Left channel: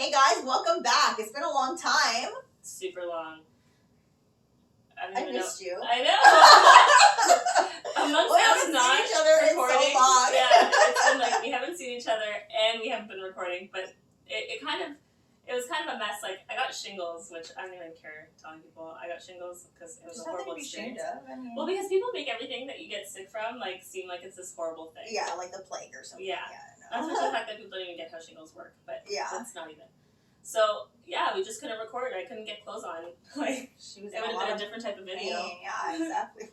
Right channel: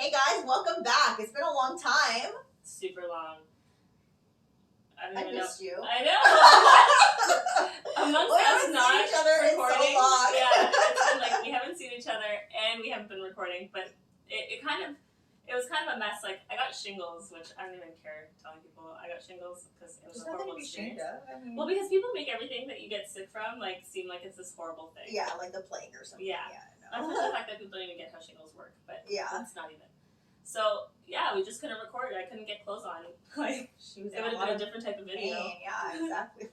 Hey guys, welcome back. It's been a long time. Super long. I missed you. I know. Amongst us not each other recording. in so long. Yeah, it's been like we haven't seen each other and we haven't been recording, but it was kind of a mess. Like I got shingles, which I don't even care telling people I got shingles because it was a horrible experience. Well, because people make everything that you get sick from like seem like it's this horrible thing. Yeah, like the plague or something. Yeah. That's just the fact that people don't even get how shingles work, but yeah, that's not even. So yeah, we just couldn't record. I couldn't get clothes on. Like she was. It would have been a different type of video. Yeah, exactly.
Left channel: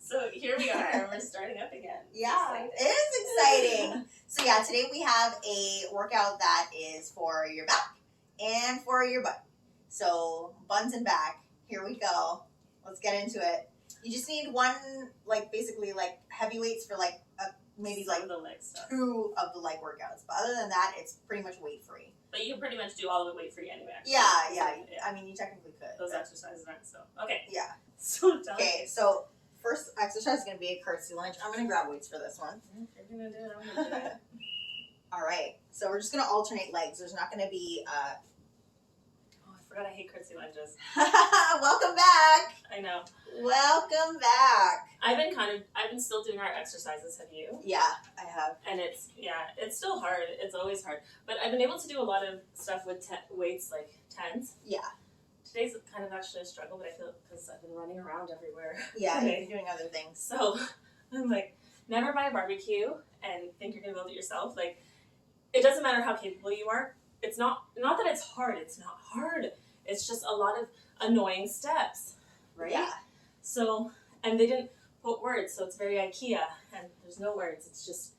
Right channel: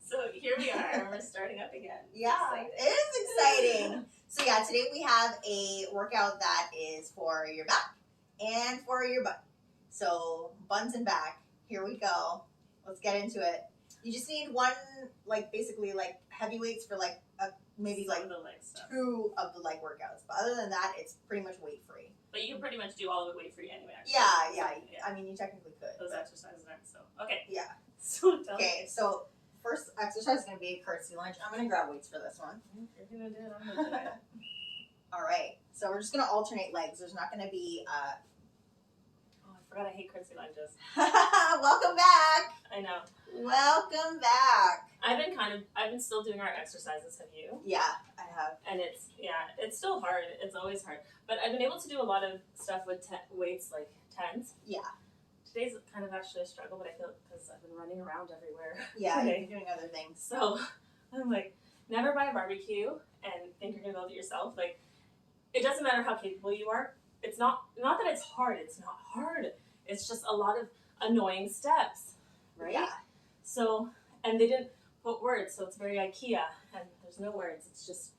So here we are. We're starting up again. Yeah, it is exciting. So yeah, today we have a workout that is for your back and for your butt. So buns and back. Here we go. Let's get into it. You just need one, like basically like heavy weights for like maybe Some like of the leg stuff. 2 of the leg workouts. But other than that, it's pretty much weight free. But you can pretty much do all of it weight free anyway. Actually. Yeah. I mean, you technically could. Those exercises aren't so. Okay. Yeah. So tell Okay, so first exercise is going to be a curtsy lunge. I'm going to grab weights for this one. You're going to do it. I'm going to do it. All right. So we're just going to alternate legs. There's not going to be... Oh, I forgot I hate curtsy lunges. Welcome back. I know. Welcome back. I've been still doing our exercises. Have you? Yeah, I have. And it's still hard. It's always hard. But I've been able to do a lot of stuff with weights like tens. Yeah. Today's kind of actually a struggle, but I feel because I've been running around everywhere. Yeah, today. you're doing other things. So I'm like, never buy a barbecue and think you're gonna build it yourself. Like, it doesn't matter how capable you are. It's not that it's hard. It's not hard. It's just a lot of annoying steps, right? Yeah. So, and they didn't put words, so it's very IKEA, and there's no words. It's just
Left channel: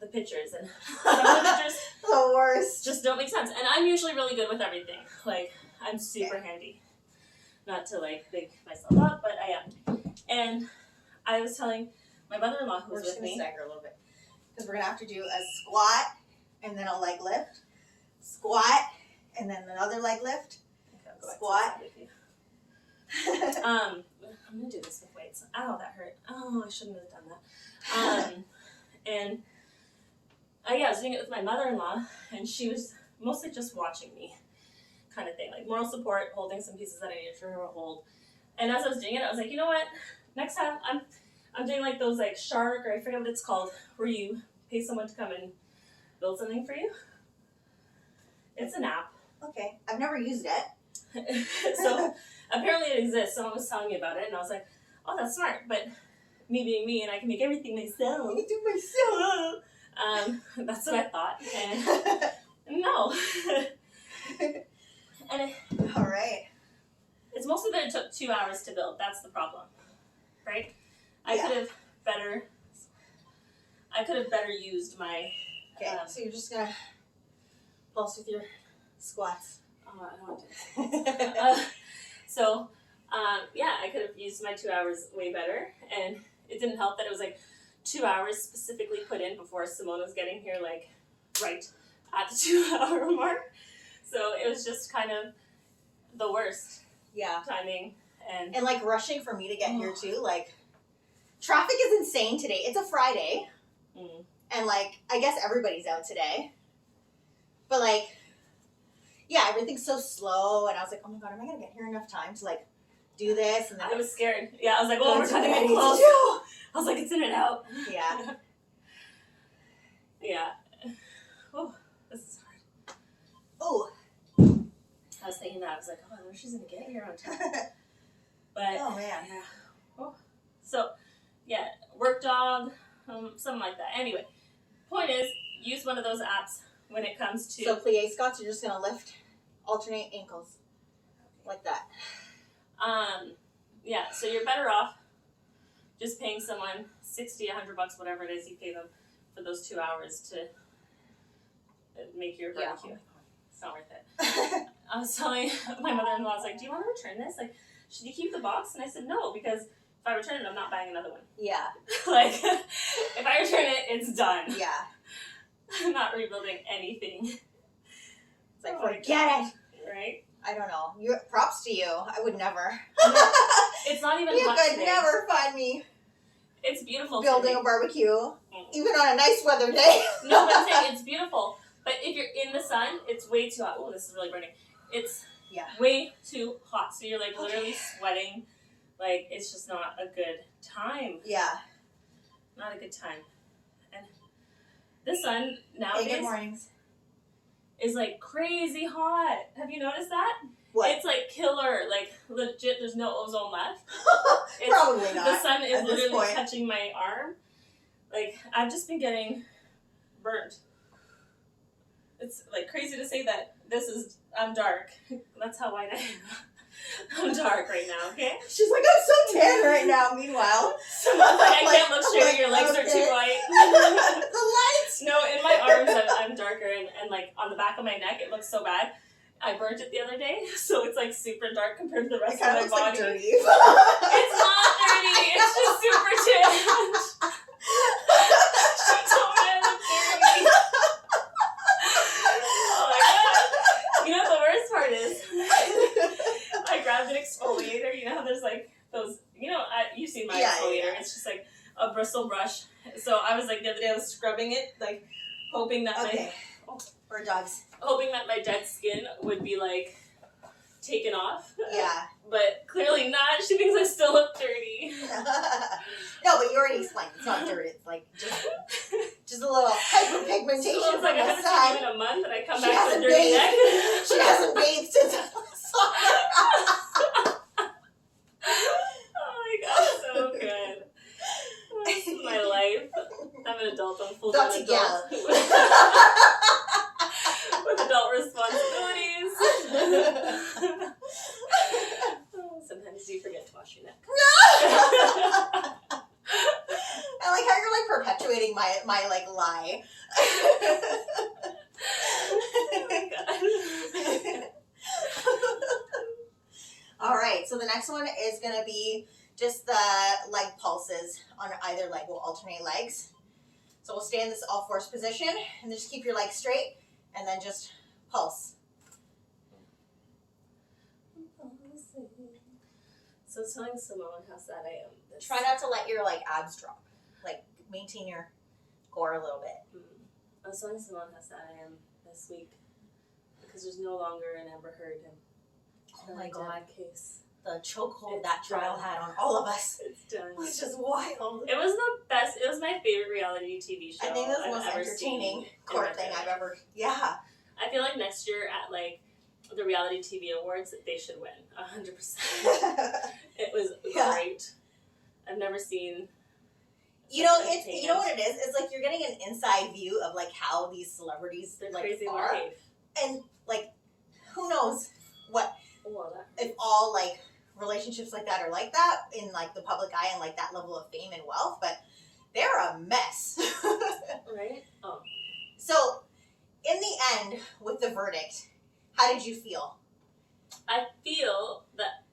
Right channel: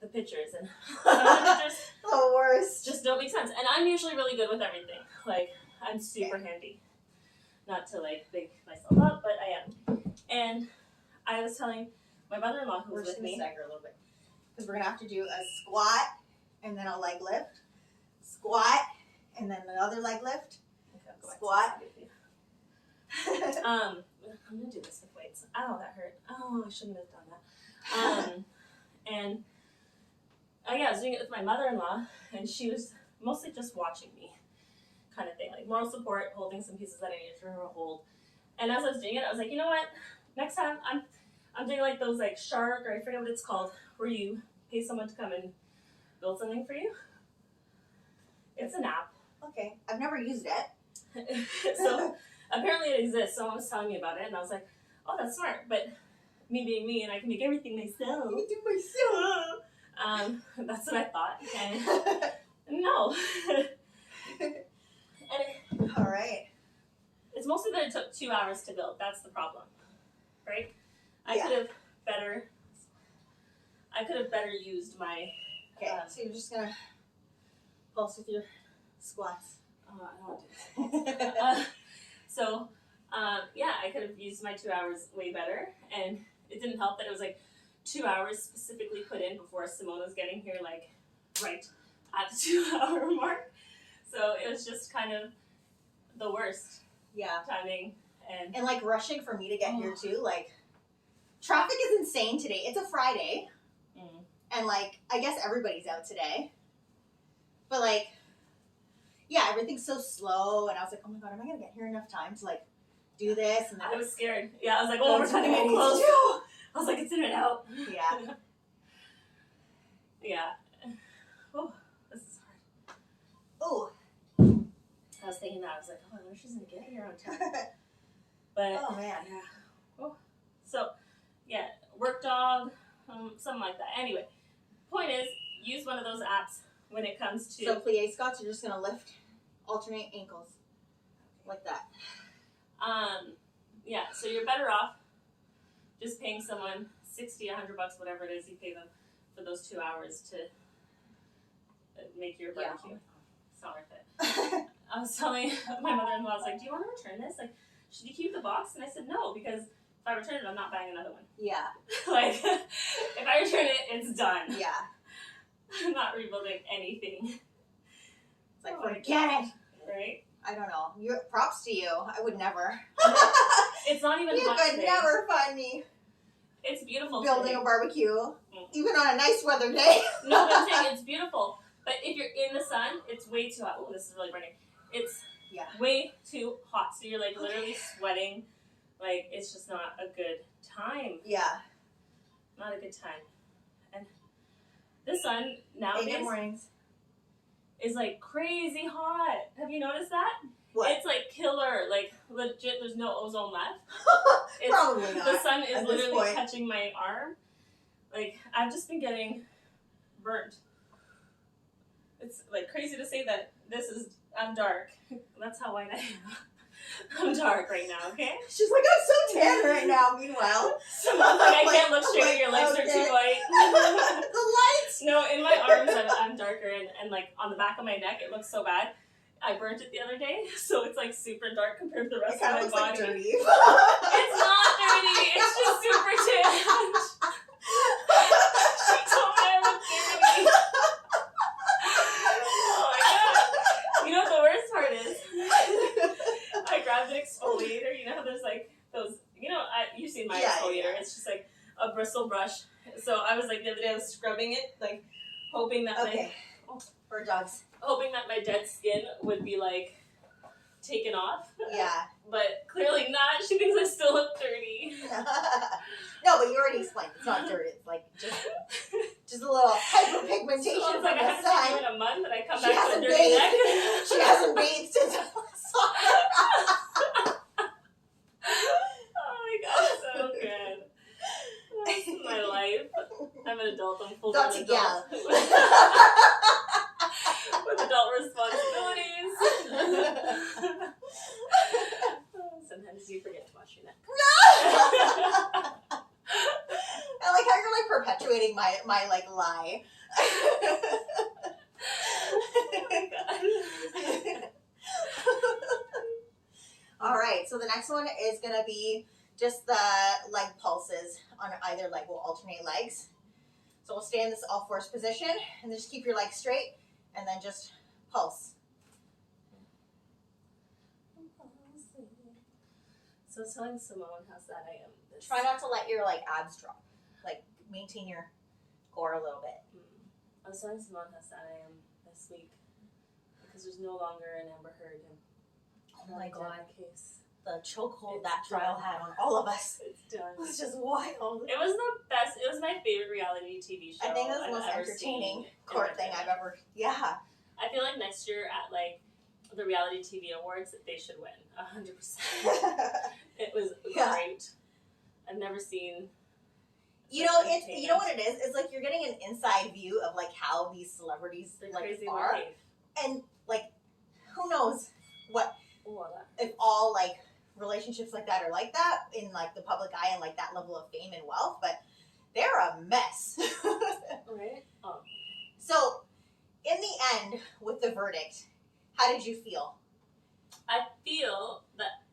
the pictures, and some of the pictures The worst. just don't make sense. And I'm usually really good with everything. Like, I'm super handy. Not to like big myself up, but I am. And I was telling my mother-in-law who was with me. We're just gonna stagger a little bit because we're gonna have to do a squat and then a leg lift, squat and then another leg lift, Okay, I'll go back to squat. the side with you. I'm gonna do this with weights. Ow, that hurt. Oh, I shouldn't have done that. And yeah, I was doing it with my mother-in-law, and she was mostly just watching me, kind of thing, like moral support, holding some pieces that I needed for her to hold. And as I was doing it, I was like, you know what? Next time I'm doing like those like shark, or I forget what it's called, where you pay someone to come and build something for you. It's an app. Okay, I've never used it. So apparently it exists. Someone was telling me about it, and I was like, oh, that's smart. But me being me, and I can make everything myself. I can do myself. That's what I thought. And no. And All right. it's mostly that it took 2 hours to build. That's the problem, right? I Yeah. could have better used my. Okay, so you're just gonna pulse with your squats. I don't want to. Yeah, I could have used my 2 hours way better, and it didn't help that it was like 2 hours specifically put in before Simone was getting here, like right at the 2 hour mark. So it was just kind of the worst Yeah. timing, And like rushing for me to get here too. Like traffic is insane today. It's a Friday. And like I guess everybody's out today. But like yeah, everything's so slow, and I was like, oh my god, am I gonna get here enough time to like do this? And then I was scared. Yeah, I was like, oh, we're something cutting I it need to close. do. I was like, it's in and out. Yeah. Yeah. Oh, this is hard. Oh. I was thinking that. I was like, oh, I wonder if she's going to get here on time. But, Oh man. yeah. Oh. So, yeah, work dog, something like that. Anyway, point is, use one of those apps when it comes to... So plie squats, you're just gonna lift, alternate ankles. Like that. Yeah, so you're better off just paying someone $60, $100, whatever it is you pay them for those 2 hours to make your barbecue. Yeah. It's not worth it. I was telling my mother-in-law, I was like, do you want to return this? Like, should you keep the box? And I said, no, because if I return it, I'm not buying another one. Yeah. Like, if I return it, it's done. Yeah. I'm not rebuilding anything. It's like, forget it. Right? I don't know. Props to you. I would never. It's not even You hot could today. never find me It's beautiful building today. a barbecue, even on a nice weather day. No, but I'm saying it's beautiful. But if you're in the sun, it's way too hot. Oh, this is really burning. It's Yeah. way too hot. So you're like literally sweating. Like, it's just not a good time. Yeah. Not a good time. And the sun Hey, nowadays good mornings. is like crazy hot. Have you noticed that? What? It's like killer. Like, legit, there's no ozone left. Probably not. The sun is at this literally point. touching my arm. Like, I've just been getting burnt. It's like crazy to say that I'm dark. That's how white I am. I'm dark right now, okay? She's like, I'm so tan right now. Meanwhile, Like, I can't look straight, your legs are too okay. white. The lights. No, in my arms I'm darker, and like on the back of my neck it looks so bad. I burnt it the other day, so it's like super dark compared to the It rest kind of of my looks body. like dirty. It's not dirty, it's just super tanned. She told me I look dirty. Oh my god. You know what the worst part is? I grabbed an exfoliator. You know how there's like those, you've seen my exfoliator. Yeah. It's just like a bristle brush. So I was like, the other day I was scrubbing it, like hoping that For dogs. hoping that my dead skin would be like taken off. Yeah. But clearly not. She thinks I still look dirty. No, but you already explained. It's not dirty. It's like just a little hyperpigmentation So it's like from I the haven't sun. seen you in a month and I come She back to a hasn't dirty bathed. neck. She hasn't bathed since I saw her. Oh my god, so good. This is my life. I'm an adult. I'm full Got time to adult. With adult responsibilities. Sometimes you forget to wash your neck. I like how you're like perpetuating my like lie. All right, so the next one is gonna be just the leg pulses on either leg. We'll alternate legs. So we'll stay in this all fours position and just keep your legs straight and then just pulse. So telling Simone how sad I am. Try not to let your like abs drop. Like maintain your core a little bit. I was telling Simone how sad I am this week because there's no longer an Amber Heard Oh my god. case. The chokehold It's that trial done. had on all of us. It's done. It was just wild. It was the best. It was my favorite reality TV show. I think this is the I've most ever entertaining seen in court my thing life. I've ever. Yeah. I feel like next year at like the reality TV awards, they should win 100%. It was great. I've never seen. You know, you know what it is? It's like you're getting an inside view of like how these celebrities They're like crazy are, life. and like who knows what Oh, that. if all like relationships like that are like that in like the public eye and like that level of fame and wealth, but they're a mess. Right? Oh. So, in the end, with the verdict, how did you feel? I feel that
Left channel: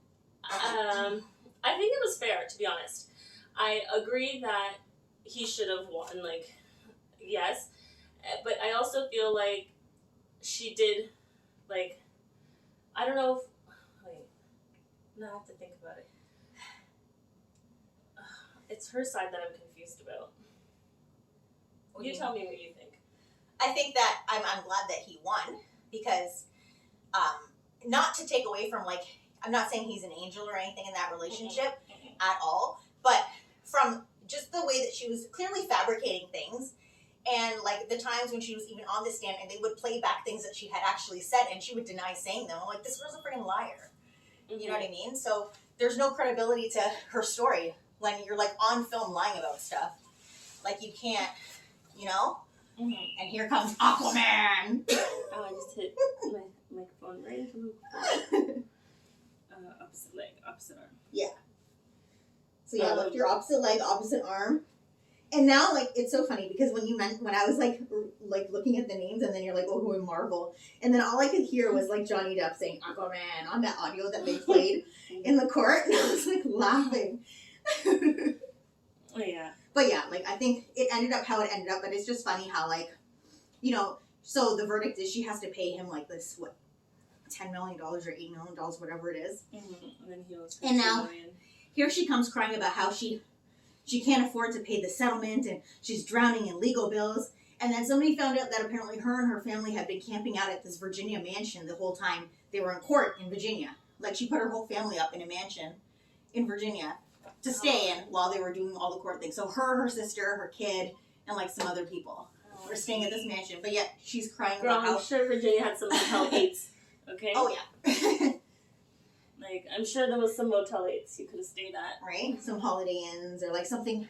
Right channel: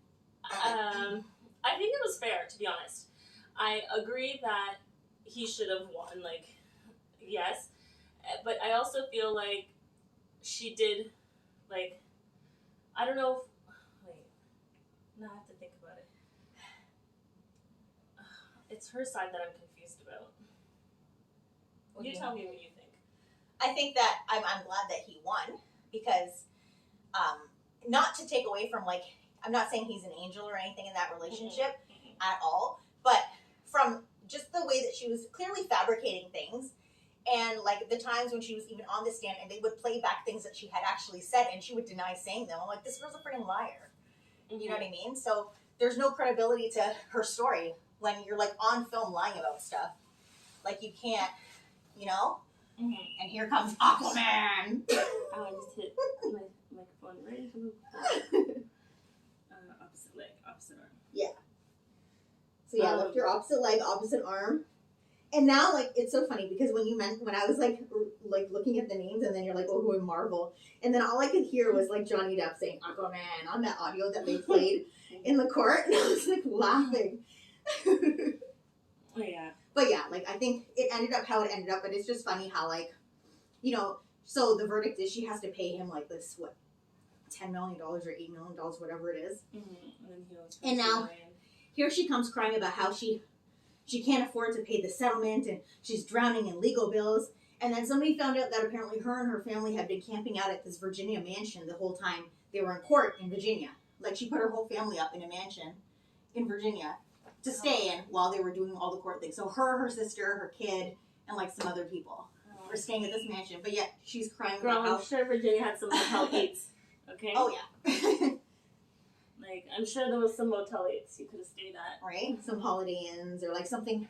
I think it was fair, to be honest. I agree that he should have won, like, yes, but I also feel like she did, like, I don't know if, wait, now I have to think about it. It's her side that I'm confused about. You tell me what you think. I think that I'm glad that he won because, not to take away from like, I'm not saying he's an angel or anything in that relationship at all, but from just the way that she was clearly fabricating things and like the times when she was even on the stand and they would play back things that she had actually said and she would deny saying them. I'm like, this girl's a freaking liar. You know what I mean? So there's no credibility to her story when you're like on film lying about stuff. Like you can't, you know? Mm-hmm. And here comes Aquaman. Oh, I just hit my microphone right into the opposite leg, opposite arm. Yeah. So yeah, lift your opposite leg, opposite arm. And now, like, it's so funny because when I was like looking at the names and then you're like, oh, who in Marvel? And then all I could hear was like Johnny Depp saying Aquaman on that audio that they played in the court. And I was like laughing. Oh, yeah. But yeah, like, I think it ended up how it ended up. But it's just funny how, like, you know, so the verdict is she has to pay him like this, what, $10 million or $8 million, whatever it is. Mm-hmm. And then he was And now here she comes crying about how she can't afford to pay the settlement and she's drowning in legal bills. And then somebody found out that apparently her and her family had been camping out at this Virginia mansion the whole time they were in court in Virginia. Like, she put her whole family up in a mansion in Virginia to stay in while they were doing all the court things. So her sister, her kid, and like some other people were staying at this mansion. But yet she's crying Girl, about how... I'm sure Virginia had some Motel 8s. Okay? Oh, yeah. Like, I'm sure there was some Motel 8s you could have stayed at. Right? Some Holiday Inns or like something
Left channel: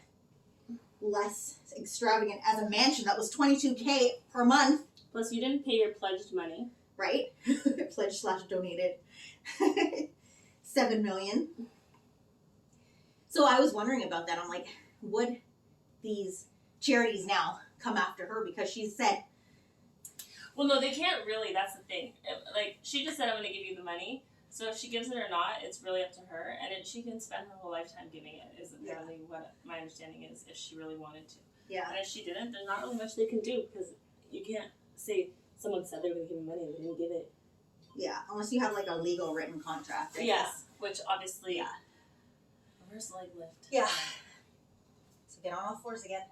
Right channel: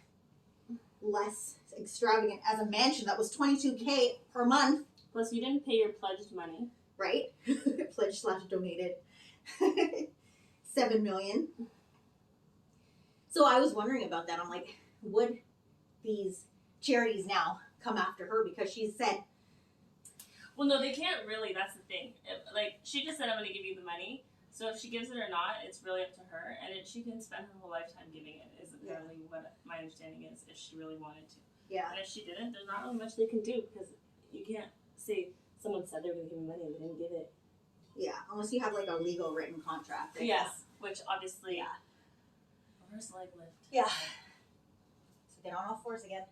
less extravagant as a mansion that was $22,000 per month. Plus, you didn't pay your pledged money. Right? Pledged/donated. $7 million. So I was wondering about that. I'm like, would these charities now come after her because she said... Well, no, they can't really. That's the thing. Like, she just said, I'm going to give you the money. So if she gives it or not, it's really up to her. And she can spend her whole lifetime giving it, is apparently what my understanding is, if she really wanted to. Yeah. And if she didn't, there's not really much they can do, because you can't say someone said they were going to give me money and they didn't give it. Yeah, unless you have like a legal written contract. Yes, which obviously... Yeah. Reverse leg lift. Yeah. So get on all fours again.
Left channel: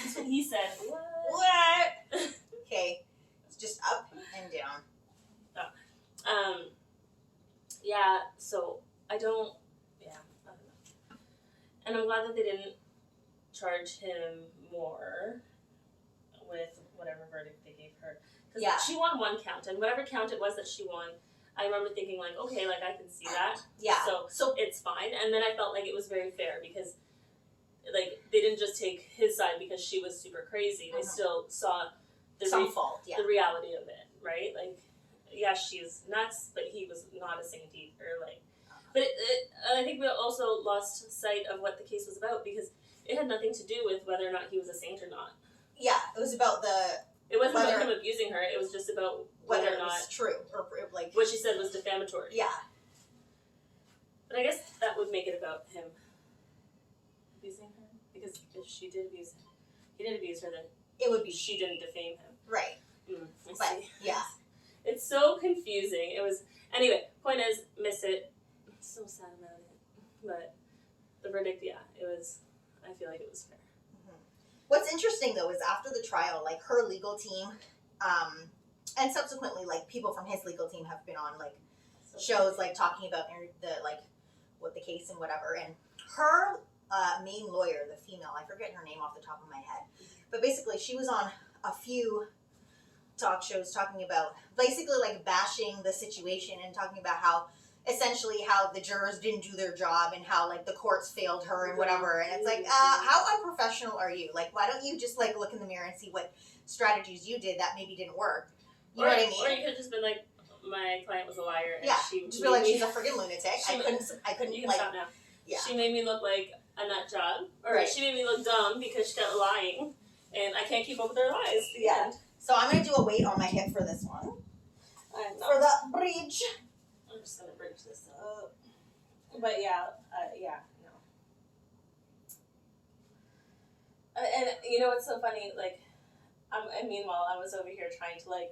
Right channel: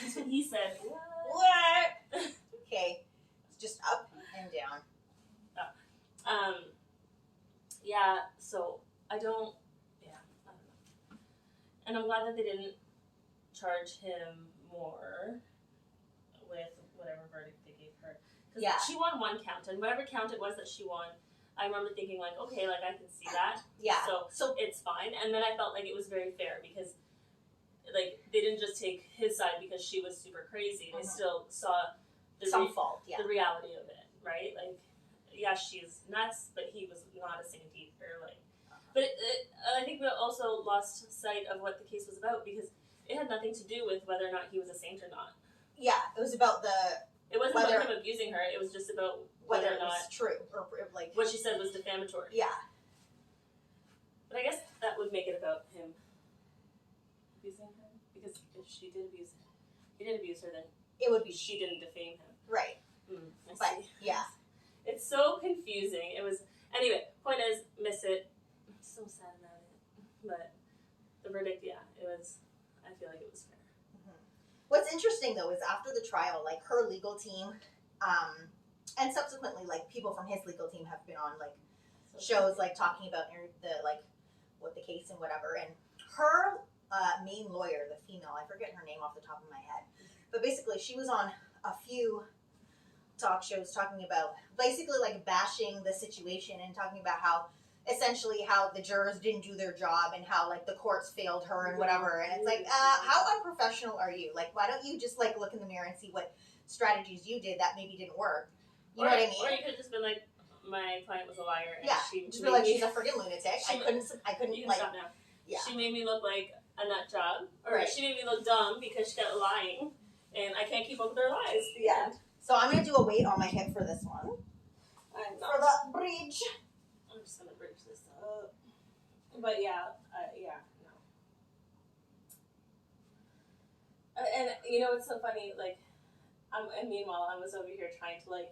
That's what he said. What? Okay. It's just up and down. Yeah, so I don't know. And I'm glad that they didn't charge him more with whatever verdict they gave her. Because she won one count, and whatever count it was that she won, I remember thinking, like, okay, like, I can see that. Yeah. So it's fine. And then I felt like it was very fair because, like, they didn't just take his side because she was super crazy. They still saw the reality of it, right? Like, yeah, she's nuts, but he was not a saint either. Like, but I think we also lost sight of what the case was about because it had nothing to do with whether or not he was a saint or not. Yeah, it was about It wasn't about him abusing her. It was just about whether or not it was true or like what she said was defamatory. Yeah. But I guess that would make it about him abusing her because if she did abuse him, he did abuse her, then it would be she didn't defame him. Right. But yeah. It's so confusing. It was anyway. Point is, miss it. I'm so sad about it. But the verdict, yeah, it was. I feel like it was fair. Mm-hmm. What's interesting though is after the trial, like her legal team, and subsequently, like people from his legal team have been on like shows, like talking about the like what the case and whatever. And her main lawyer, the female, I forget her name off the top of my head, but basically she was on a few talk shows talking about basically like bashing the situation and talking about how essentially how the jurors didn't do their job and how like the courts failed her and whatever. And it's like, how unprofessional are you? Like, why don't you just like look in the mirror and see what strategies you did that maybe didn't work? You know what I mean? Or you could have just been like, my client was a liar. And she just be like, she's a freaking lunatic. I couldn't you can like, stop now. Yeah. She made me look like a nut job. Or she made me look dumb because she kept lying. And I can't keep up with her lies. Yeah. So I'm going to do a weight on my hip for this one. For the bridge. I'm just going to bridge this up. But yeah, no. And you know what's so funny? Like, and meanwhile, I was over here trying to like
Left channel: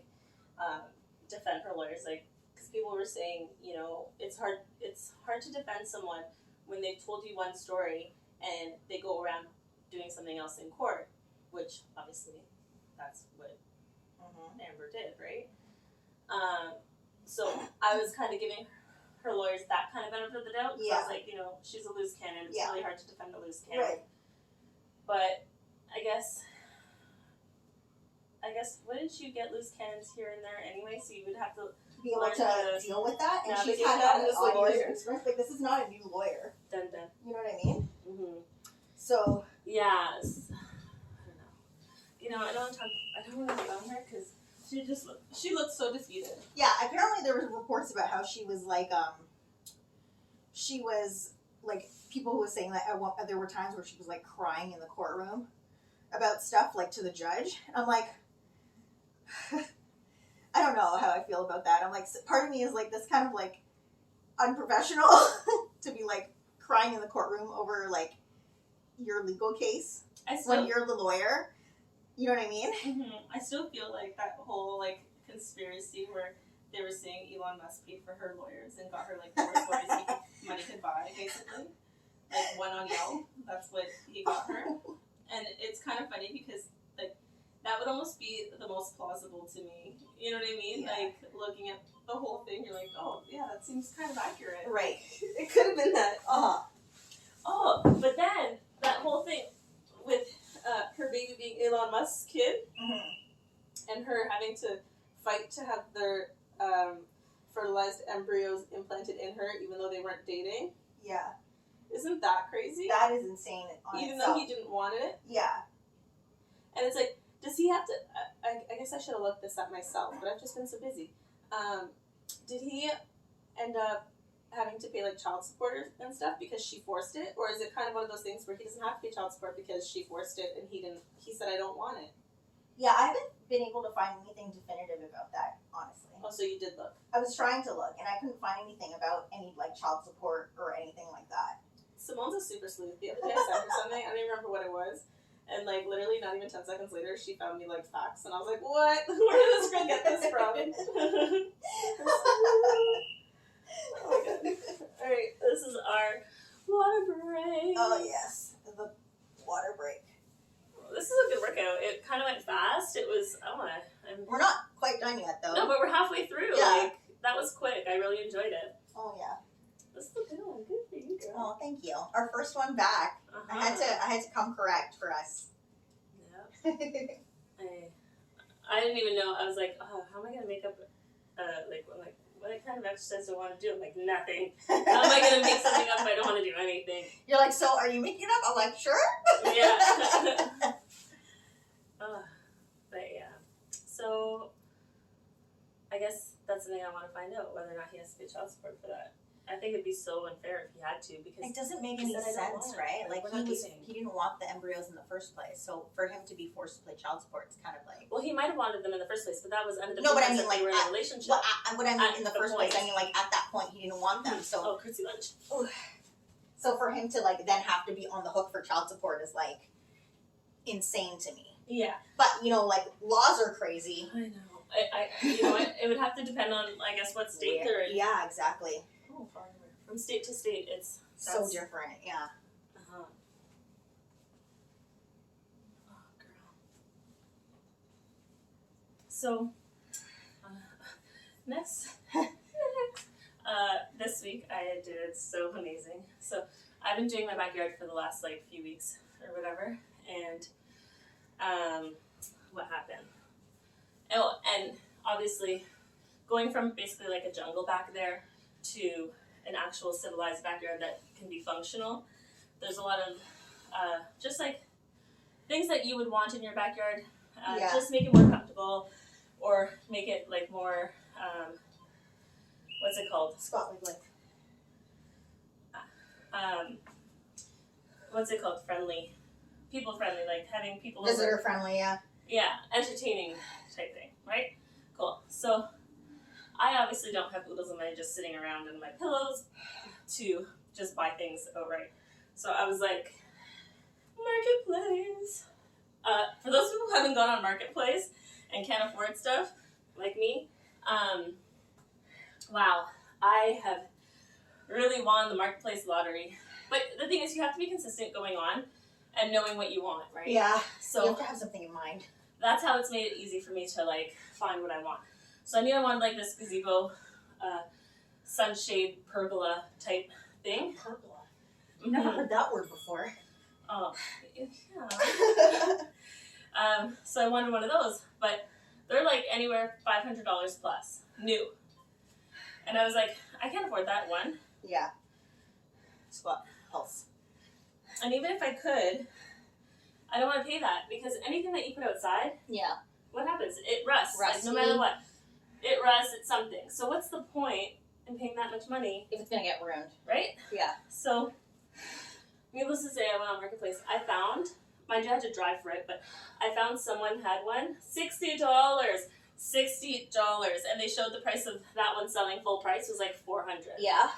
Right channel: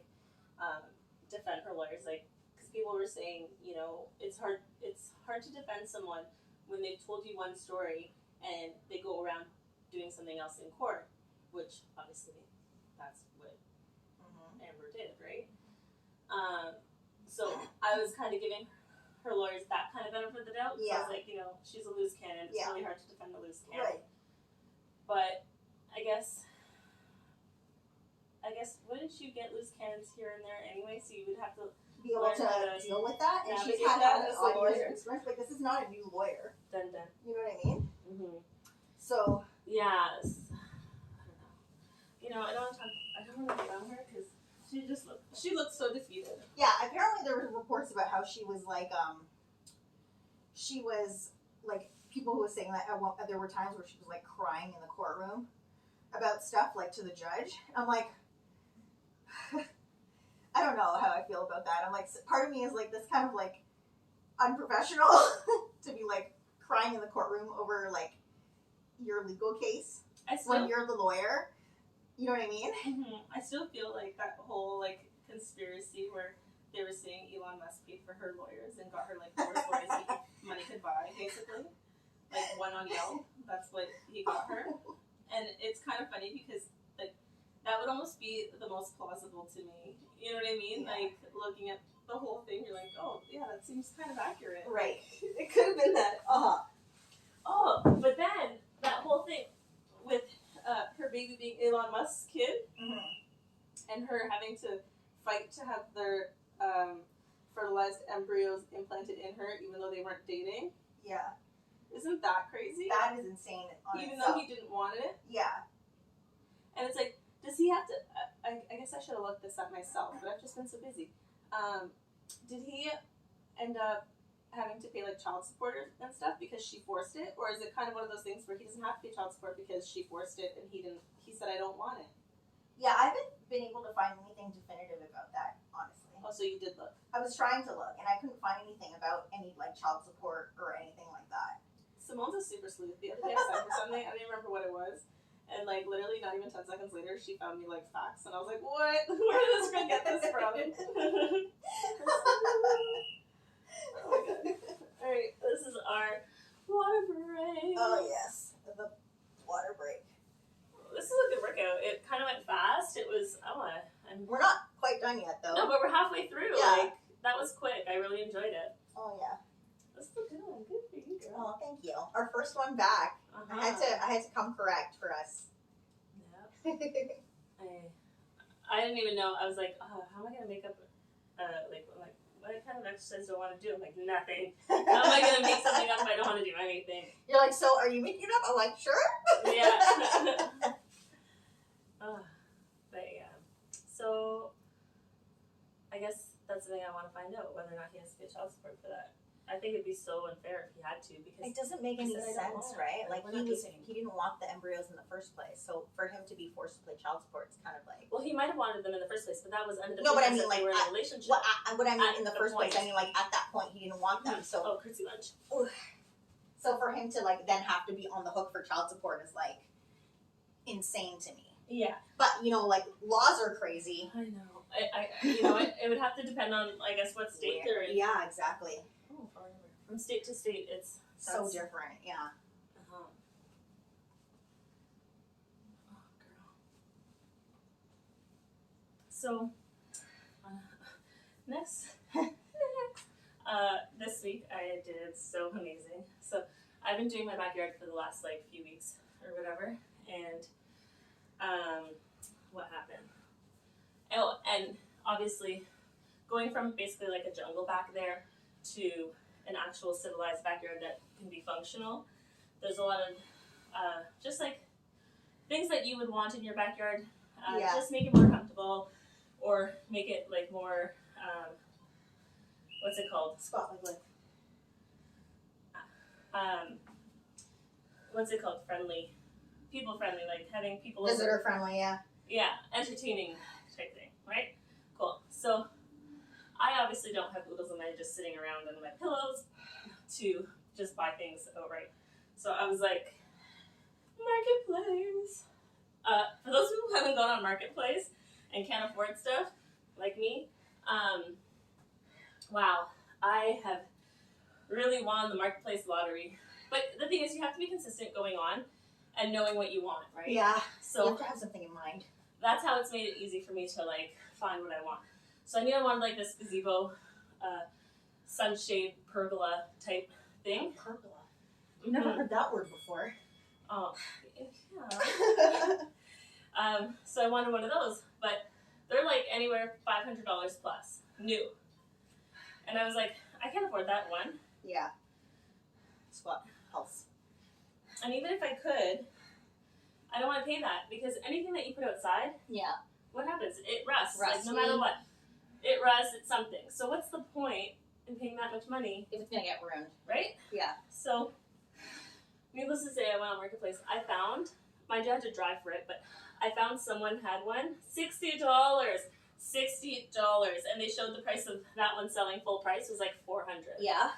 defend her lawyers, like, because people were saying, you know, it's hard to defend someone when they've told you one story and they go around doing something else in court, which obviously that's what Amber did, right? So I was kind of giving her lawyers that kind of benefit of the doubt. Yeah. I was like, you know, she's a loose cannon. It's really hard to defend a loose cannon. Right. But I guess wouldn't you get loose cannons here and there anyway? So you would have to be able to deal with that. And she's had that as a lawyer. Like, this is not a new lawyer. Dun. You know what I mean? Mm-hmm. So yes. I don't know. You know, I don't want to get on her because she looked so defeated. Yeah, apparently there were reports about how she was like people who were saying that there were times where she was like crying in the courtroom about stuff like to the judge. I'm like, I don't know how I feel about that. I'm like, part of me is like this kind of like unprofessional to be like crying in the courtroom over like your legal case when you're the lawyer. You know what I mean? Mm-hmm. I still feel like that whole like conspiracy where they were saying Elon Musk paid for her lawyers and got her like the worst lawyers money could buy, basically. Like one on Yelp, that's what he got her. And it's kind of funny because like that would almost be the most plausible to me. You know what I mean? Yeah. Like, looking at the whole thing, you're like, oh, yeah, that seems kind of accurate. Right. It could have been that. Uh-huh. Oh, but then, that whole thing with her baby being Elon Musk's kid, Mm-hmm. and her having to fight to have their fertilized embryos implanted in her, even though they weren't dating. Yeah. Isn't that crazy? That is insane on Even itself. though he didn't want it. Yeah. And it's like, does he have to? I guess I should have looked this up myself, but I've just been so busy. Did he end up having to pay like child support and stuff because she forced it, or is it kind of one of those things where he doesn't have to pay child support because she forced it and he didn't? He said, I don't want it. Yeah, I haven't been able to find anything definitive about that, honestly. Oh, so you did look. I was trying to look, and I couldn't find anything about any like child support or anything like that. Simone's a super sleuth. The other day I sent her something, I don't even remember what it was. And like literally not even 10 seconds later, she found me like facts, and I was like, "What? Where did this girl get this from?" Oh my god! All right, this is our water break. Oh yes, the water break. This is a good workout. It kind of went fast. It was We're not quite done yet, though. no, but we're halfway through. Yeah. Like that was quick. I really enjoyed it. Oh yeah. This is a good one. Good for you, girl. Oh, thank you. Our first one back. Uh-huh. I had to come correct for us. Yeah. I didn't even know. I was like, oh, how am I gonna make up? What kind of exercise do I want to do? I'm like, nothing. How am I gonna make something up if I don't want to do anything? You're like, so are you making it up? I'm like, sure. Yeah. But yeah. So I guess that's something I want to find out, whether or not he has to pay child support for that. I think it'd be so unfair if he had to, because It doesn't make he any said I don't sense, want it. right? Like, Like we're not dating. he didn't want the embryos in the first place, so for him to be forced to play child support is kind of like. Well, he might have wanted them in the first place, but that was under the No, but I pretense mean, that they like, were in a relationship. What I mean At in the the first place, I point. mean like at that point he didn't want them, so Oh, curtsy lunch. so for him to like then have to be on the hook for child support is like insane to me. Yeah. But you know, like laws are crazy. I know. You know, it would have to depend on, I guess, what state they're in. Yeah, exactly. Oh, from state to state, it's So different, yeah. Uh-huh. Oh, girl. So, next, this week I did so amazing. So, I've been doing my backyard for the last like few weeks or whatever, and what happened? Oh, and obviously, going from basically like a jungle back there to an actual civilized backyard that can be functional, there's a lot of just like things that you would want in your backyard. Yeah. Just make it more comfortable, or make it like more what's it called? Spotlight like. What's it called? Friendly, people friendly, like having people Visitor over. friendly, yeah. Yeah, entertaining type thing, right? Cool. So I obviously don't have oodles of money just sitting around in my pillows to just buy things outright. So I was like, Marketplace. For those who haven't gone on Marketplace and can't afford stuff, like me, wow, I have really won the Marketplace lottery. But the thing is, you have to be consistent going on and knowing what you want, right? Yeah. So you have to have something in mind. that's how it's made it easy for me to like find what I want. So I knew I wanted like this gazebo, sunshade pergola type thing. Pergola. Never heard that word before. Oh, yeah. So I wanted one of those, but they're like anywhere $500 plus, new. And I was like, I can't afford that one. Yeah. Spot pulse. And even if I could, I don't want to pay that, because anything that you put outside, Yeah. what happens? It rusts. Like, no Rusty. matter what. It rusts, it's something. So what's the point in paying that much money, If it's gonna get ruined. right? Yeah. So, needless to say, I went on Marketplace. I found, mind you, I had to drive for it, but I found someone had one, $60. $60. And they showed the price of that one selling full price was like $400 Yeah.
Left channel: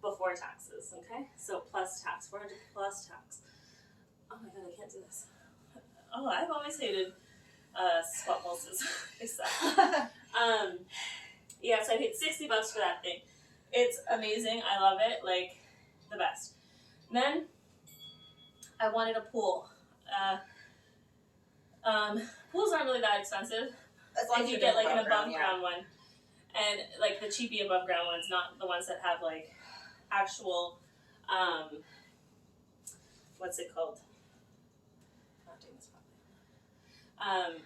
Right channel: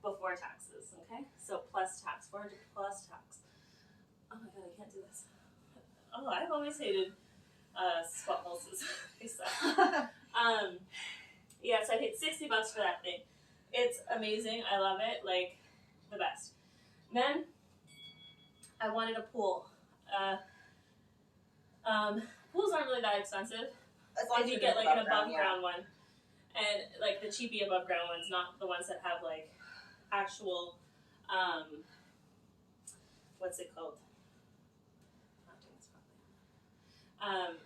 before taxes, okay? So plus tax, $400 plus tax. Oh my god, I can't do this. Oh, I've always hated spot pulses. They suck. Yeah, so I paid $60 for that thing. It's amazing. I love it. Like, the best. Then, I wanted a pool. pools aren't really that expensive. As long If as you you're get doing like an above above ground one, and like the cheapy above ground ones, not the ones that have like actual, what's it called? Not doing this properly.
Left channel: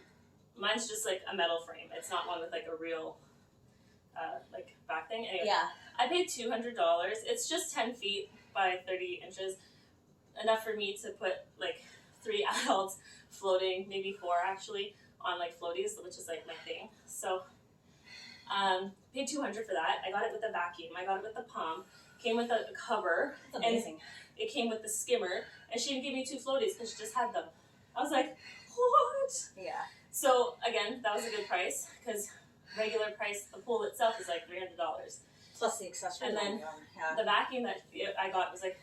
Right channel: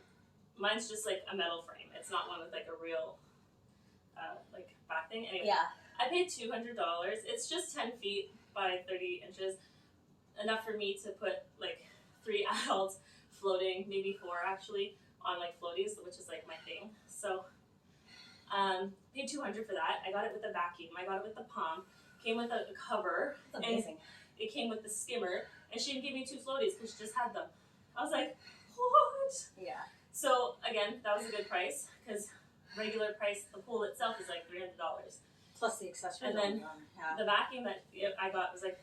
Mine's just like a metal frame. It's not one with like a real, like back thing. Anyway, Yeah. I paid $200. It's just 10 feet by 30 inches. Enough for me to put like 3 adults floating, maybe 4 actually, on like floaties, which is like my thing. So, paid $200 for that. I got it with a vacuum. I got it with the pump. Came with a cover. That's amazing. And it came with the skimmer. And she didn't give me 2 floaties because she just had them. I was like, what? Yeah. So again, that was a good price because regular price, the pool itself is like $300. Plus the accessories. And then yeah. the vacuum that I got was like,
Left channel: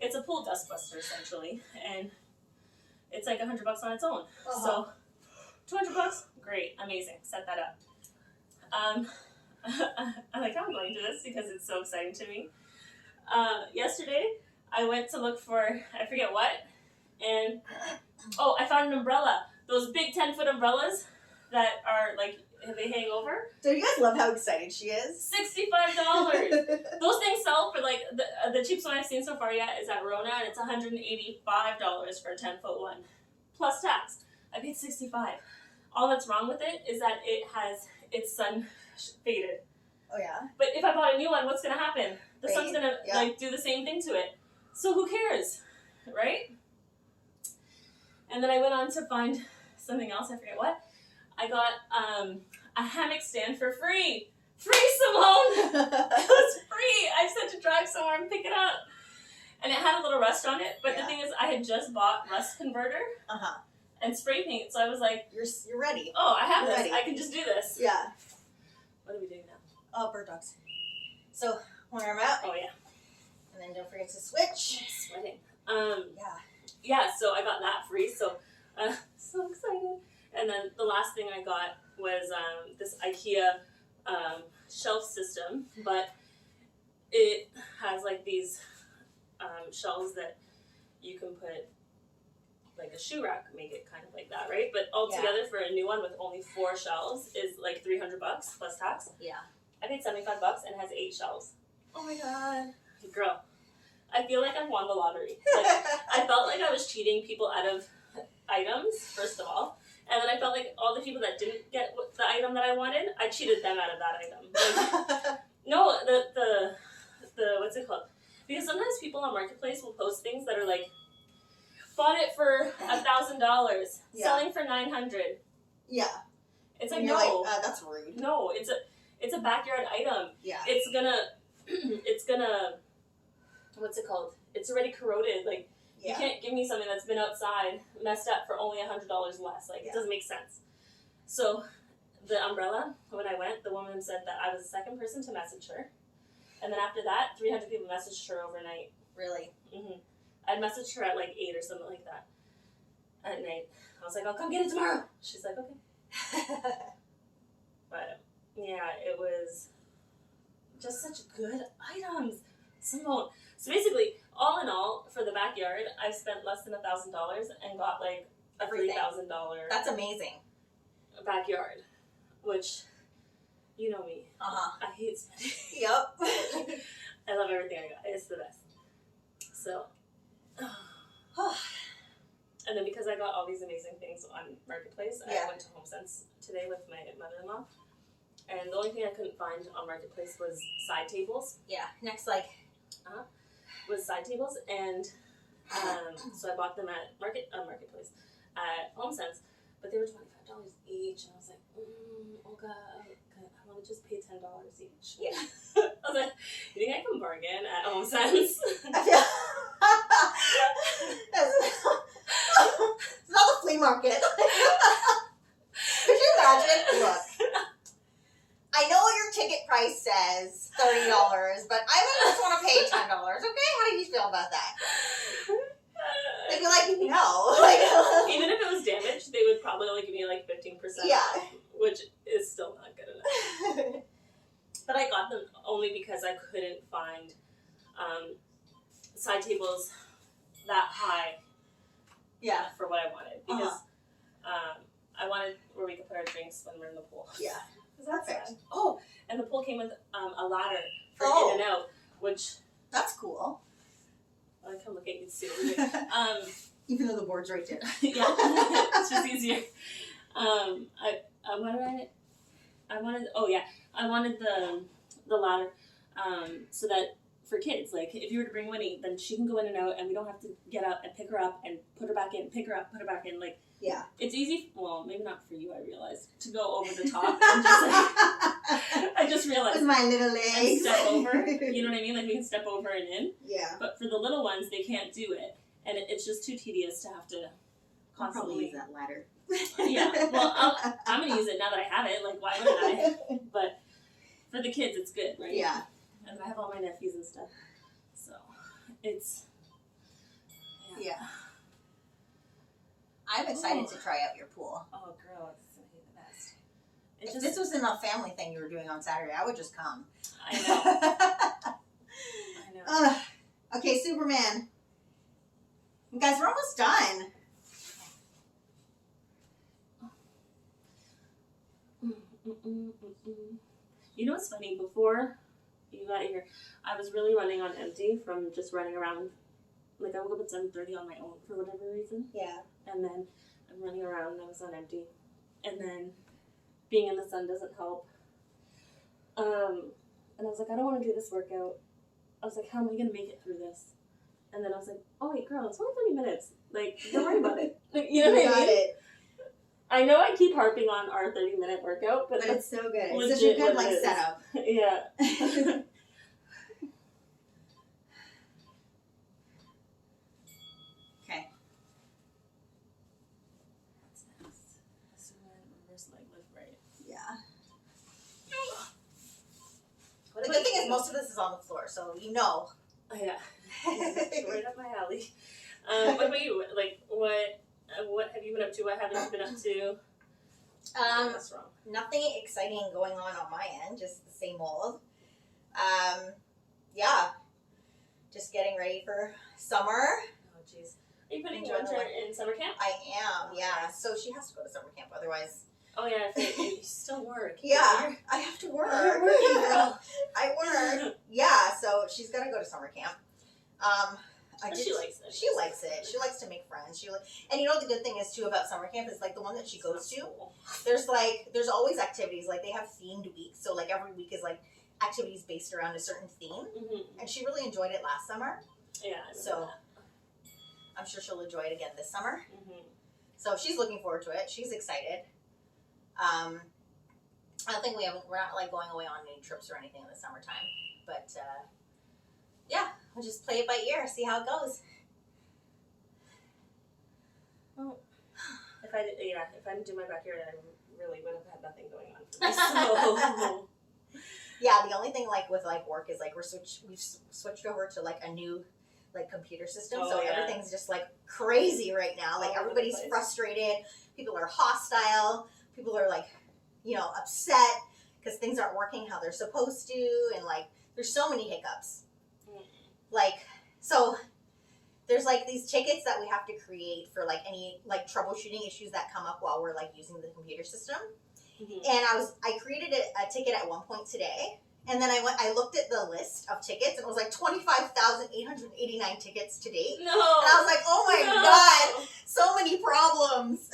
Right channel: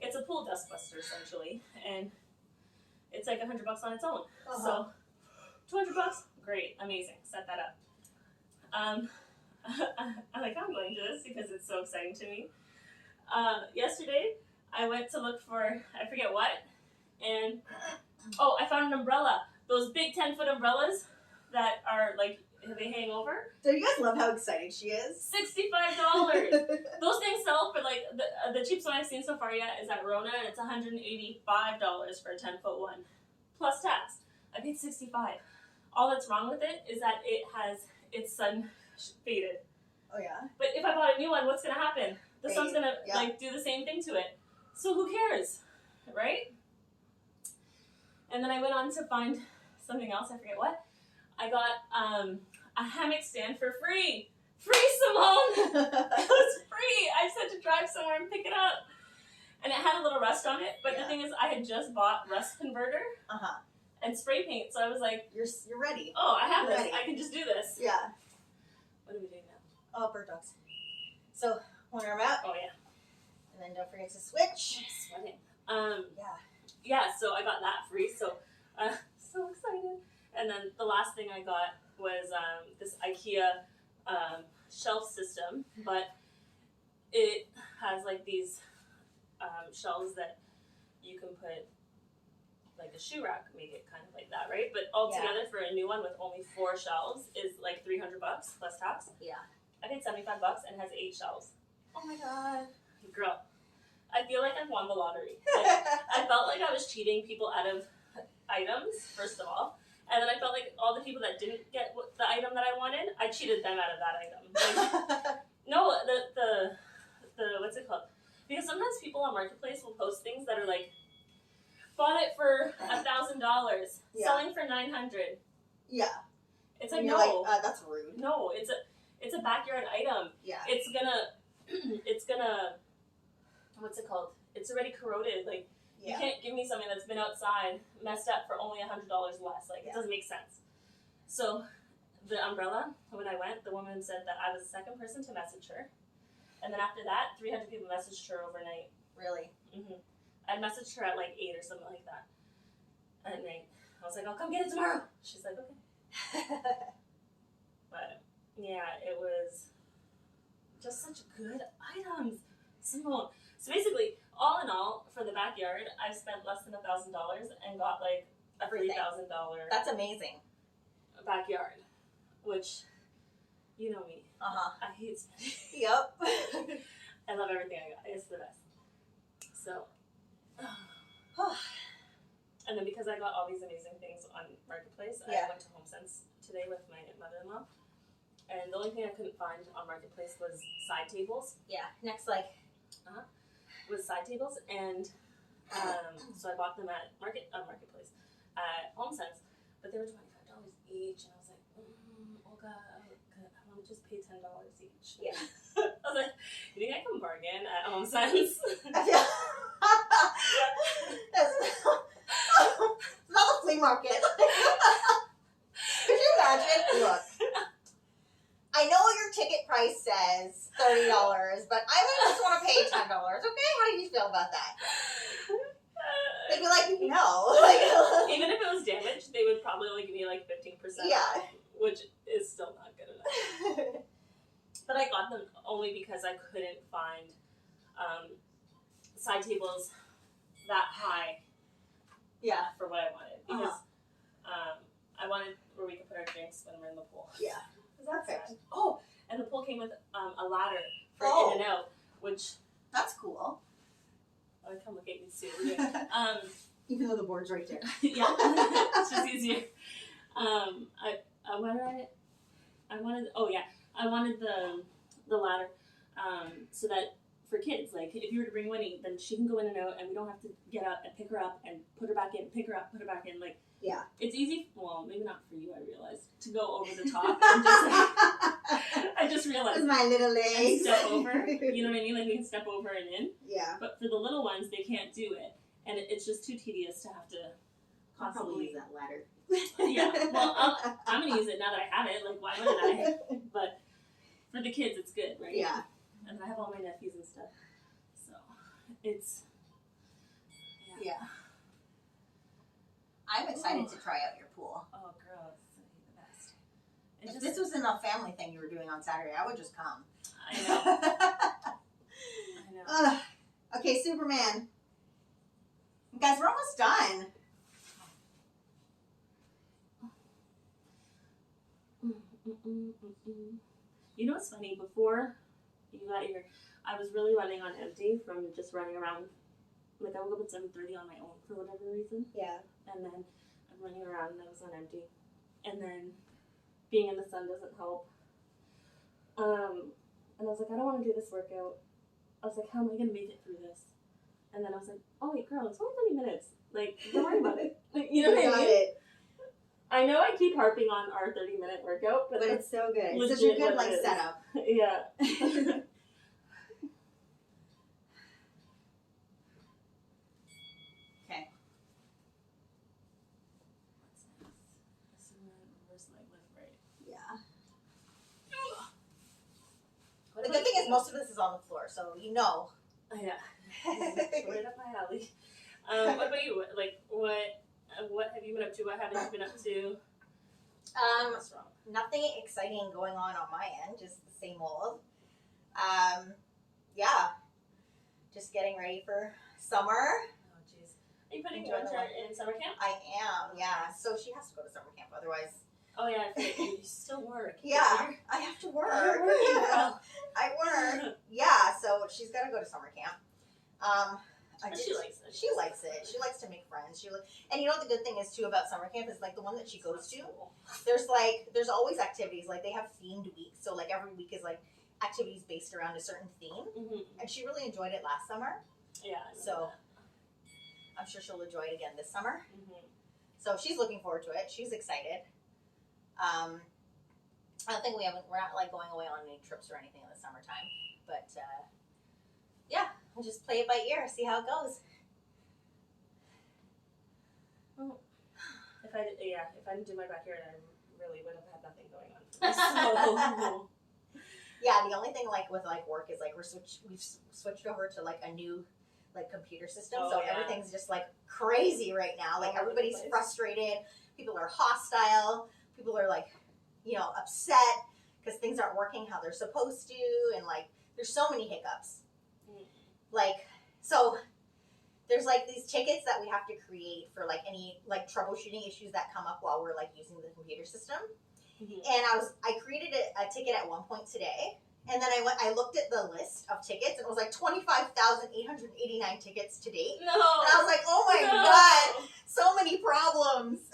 it's a pool dust buster essentially, and it's like $100 on its own. So $200, great, amazing, set that up. I'm like, I'm going to this because it's so exciting to me. Yesterday, I went to look for, I forget what, and I found an umbrella. Those big 10-foot umbrellas that are like, they hang over. Do you guys love how excited she is? $65. Those things sell for like, the cheapest one I've seen so far yet is at Rona, and it's $185 for a 10-foot one. Plus tax. I paid $65. All that's wrong with it is that it's sun faded. Oh yeah? But if I bought a new one, what's gonna happen? The sun's gonna Yeah. like do the same thing to it. So who cares, right? And then I went on to find something else, I forget what. I got a hammock stand for free. Free, Simone! It was free! I just had to drive somewhere and pick it up. And it had a little rust on it, but the thing is, I had just bought rust converter and spray paint, so I was like, You're ready. oh, I have You're this. ready. I can just do this. Yeah. What are we doing now? Oh, bird dogs. So, one arm out. Oh, yeah. And then don't forget to switch. I'm sweating. Yeah. So I got that free, so so excited. And then the last thing I got was this IKEA shelf system, but it has like these shelves that you can put like a shoe rack, make it kind of like that, right? But altogether for a new one with only 4 shelves is like $300 plus tax. Yeah. I paid $75 and has 8 shelves. Oh my god. Girl, I feel like I won the lottery. Like, I felt like I was cheating people out of items, first of all. And then I felt like all the people that didn't get the item that I wanted, I cheated them out of that item. Like, no, the what's it called? Because sometimes people on Marketplace will post things that are like, bought it for $1,000, selling for $900. Yeah. It's like, and you're no, like, that's rude. no, it's a backyard item. Yeah. It's gonna, what's it called? It's already corroded. Like, you can't give me something that's been outside, messed up for only $100 less. Like, it doesn't make sense. So, the umbrella, when I went, the woman said that I was the second person to message her. And then after that, 300 people messaged her overnight. Really? Mm-hmm. I messaged her at like 8 or something like that at night. I was like, I'll come get it tomorrow. She's like, okay. But, yeah, it was just such good items. Simone. So basically, all in all, for the backyard, I've spent less than $1,000 and got like a $3,000 That's amazing. backyard, which, you know me. I hate spending. Yep. I love everything I got. It's the best. So, and then because I got all these amazing things on Marketplace, I went to HomeSense today with my mother-in-law. And the only thing I couldn't find on Marketplace was side tables. Yeah. Next, like. Was side tables, and so I bought them at Marketplace at HomeSense, but they were $25 each, and I was like, Olga, I want to just pay $10 each. Yeah. I was like, you think I can bargain at HomeSense? I feel. It's not the flea market. Could you imagine? Look. I know your ticket price says $30, but I would just want to pay $10. Okay, how do you feel about that? They'd be like, no. Even if it was damaged, they would probably only give me like 15%. Yeah. Which is still not good enough. But I got them only because I couldn't find side tables that high. Yeah. For what I wanted, because I wanted where we could put our drinks when we're in the pool. Yeah. Perfect. Oh, and the pool came with a ladder for in and out, which that's cool. I come look at you soon. Even though the board's right there. Yeah, it's just easier. I wanted the ladder, so that for kids, like if you were to bring Winnie, then she can go in and out, and we don't have to get up and pick her up and put her back in, pick her up, put her back in. Like, yeah, it's easy. Well, maybe not for you. I realized to go over the top and just like I just realized with my little legs, step over. You know what I mean? Like we can step over and in. Yeah. But for the little ones, they can't do it, and it's just too tedious to have to constantly probably use that ladder. Yeah. Well, I'm gonna use it now that I have it. Like, why wouldn't I? But for the kids, it's good, right? Yeah. And I have all my nephews and stuff, so it's yeah. I'm excited to try out your pool. Oh, girl, it's gonna be the best. If this was a family thing you were doing on Saturday, I would just come. I know. I know. Okay, Superman. You guys, we're almost done. You know what's funny? Before you got here, I was really running on empty from just running around. Like, I woke up at 7:30 on my own for whatever reason. Yeah. And then I'm running around and I was on empty. And then being in the sun doesn't help. And I was like, I don't want to do this workout. I was like, how am I going to make it through this? And then I was like, oh, wait, girl, it's only 30 minutes. Like, don't worry about it. Like, you know what I mean? I know I keep harping on our 30-minute workout, but it's so good. It's such a good setup. Yeah. Okay. That's nice. This one, reverse leg lift, right? Yeah. What The good thing is most of this is on the floor, so you know. Oh, yeah. Right up my alley. What about you? Like, what have you been up to? What haven't you been up to? What's wrong? Nothing exciting going on my end, just the same old. Yeah, just getting ready for summer. Oh, jeez. Are you putting Winter in summer camp? I am, yeah. So she has to go to summer camp, otherwise. Oh, yeah, you still work. Yeah, I have to work. You're working, girl. I work. Yeah, so she's got to go to summer camp. She likes it. She likes it. She likes to make friends. And you know what the good thing is too about summer camp is like the one that she goes to. There's always activities. Like they have themed weeks, so like every week is like activities based around a certain theme. Mm-hmm. And she really enjoyed it last summer. Yeah. So I'm sure she'll enjoy it again this summer. Mm-hmm. So she's looking forward to it. She's excited. I don't think we're not like going away on any trips or anything in the summertime, but yeah. We'll just play it by ear, see how it goes. Well, if I didn't do my backyard, I really would have had nothing going on for me. So. Yeah, the only thing like with like work is like we've switched over to like a new like computer system, so everything's just like crazy right now. Like everybody's frustrated, people are hostile, people are like, upset because things aren't working how they're supposed to, and like there's so many hiccups. Like, so there's like these tickets that we have to create for like any like troubleshooting issues that come up while we're like using the computer system. Mm-hmm. And I created a ticket at one point today, and then I looked at the list of tickets, and it was like 25,889 tickets to date. No. And I was like, oh my God, so many problems.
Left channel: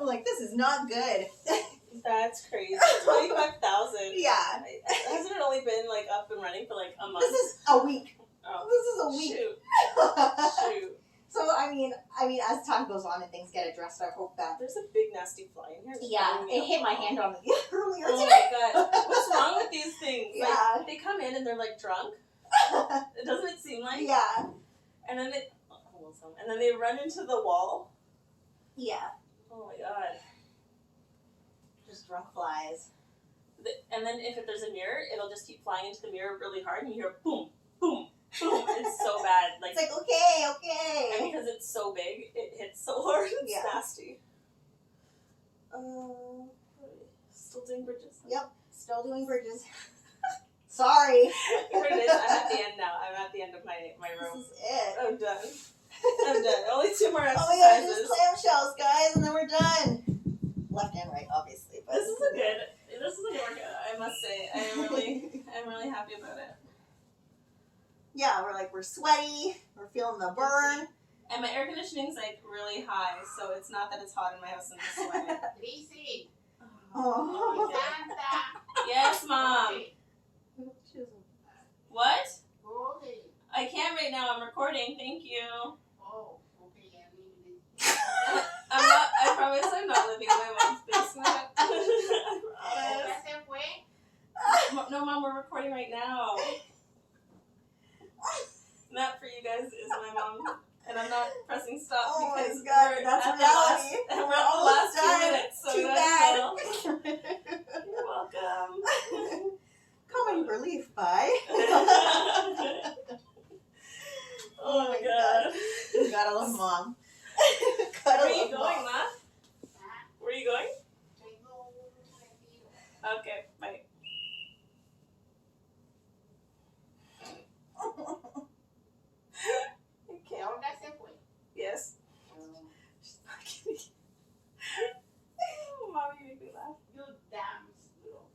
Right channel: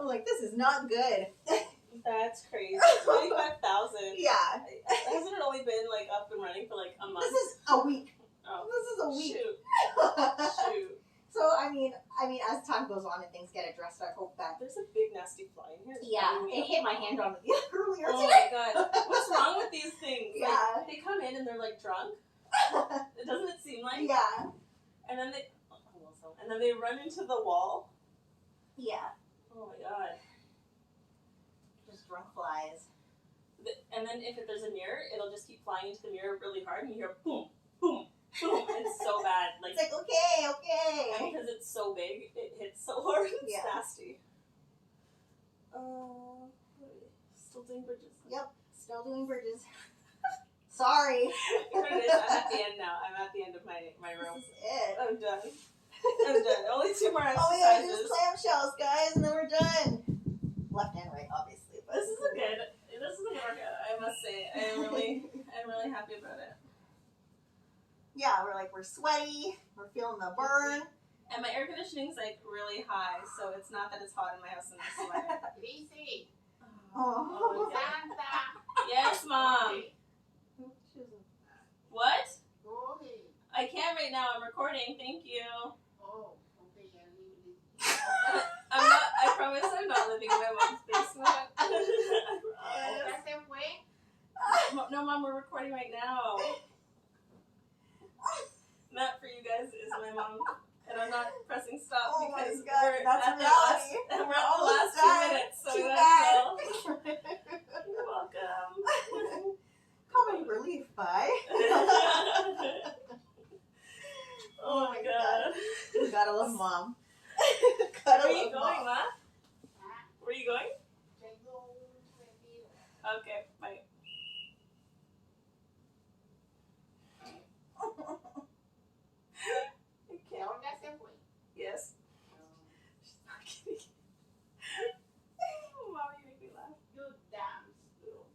I'm like, this is not good. That's crazy. 25,000. Yeah. Hasn't it only been like up and running for like a month? This is a week. Oh. This is a week. Shoot. So I mean, as time goes on and things get addressed, I hope that. There's a big nasty fly in here. Yeah, it hit my hand on it earlier today. Oh my God, what's wrong with these things? Yeah. Like, they come in and they're like drunk. Doesn't it seem like? Yeah. And then they run into the wall. Yeah. Oh my God. Just drunk flies. And then if there's a mirror, it'll just keep flying into the mirror really hard, and you hear boom, boom, boom. It's so bad. Like, it's like, okay. And because it's so big, it hits so hard. It's nasty. Still doing bridges. Yep, still doing bridges. Sorry. I'm at the end now. I'm at the end of my room. This is it. I'm done. I'm done. Only 2 more Oh my god, exercises. just clamshells, guys, and then we're done. Left and right, obviously. But This is a good workout, I must say. I'm really happy about it. Yeah, we're sweaty. We're feeling the burn. And my air conditioning's like really high, so it's not that it's hot in my house and I'm sweating. Lizzie. Oh. Santa. Yes, Mom. What? Okay. I can't right now. I'm recording. Thank you. Oh, okay, yeah, I promise I'm not living in my mom's basement. I ¿Ya promise. se fue? No, Mom, we're recording right now. That for you guys is my mom. And I'm not pressing stop Oh my because God, we're that's at reality. we're at the Almost last 2 done. minutes. So Too we bad. You're welcome. Comedy relief, bye. Oh my god. You gotta love mom. Where Gotta are you love going, mom. Ma? Ah, Where are you going? tengo un retiro. Okay, bye. ¿A dónde se fue? Yes. She's not kidding. Oh, Mom, you make me laugh. You damn slow.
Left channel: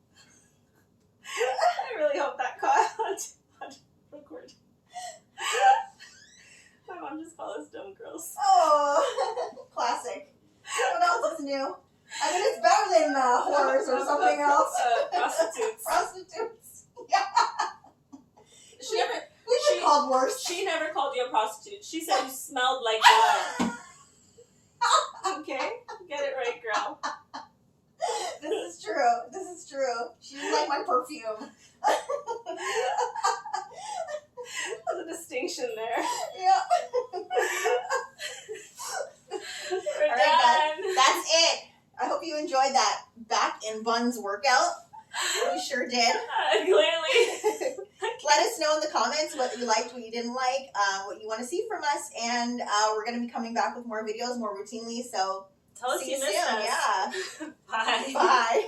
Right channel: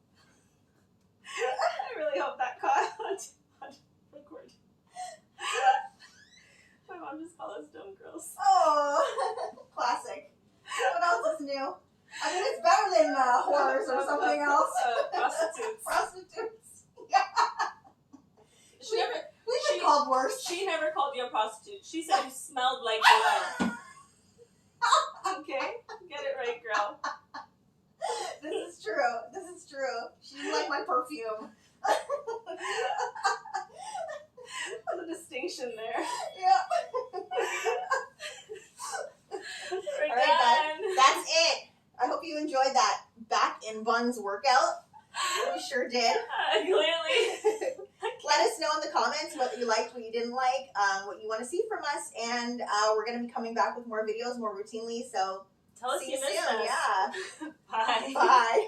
I really hope that caught on record. My mom just called us dumb girls. Oh, classic. What else is new? I mean, it's better than whores or something else. Prostitutes. Prostitutes. Yeah. We've been called worse. She never called you a prostitute. She said you smelled like one. Okay? Get it right, girl. This is true. This is true. She didn't like my perfume. There's a distinction there. Yeah. We're All right, done. That's it. I hope you enjoyed that back in buns workout. We sure did. Clearly. Let us know in the comments what you liked, what you didn't like, what you want to see from us, and we're going to be coming back with more videos more routinely. So Tell us see you you missed soon. us. Yeah. Bye. Bye.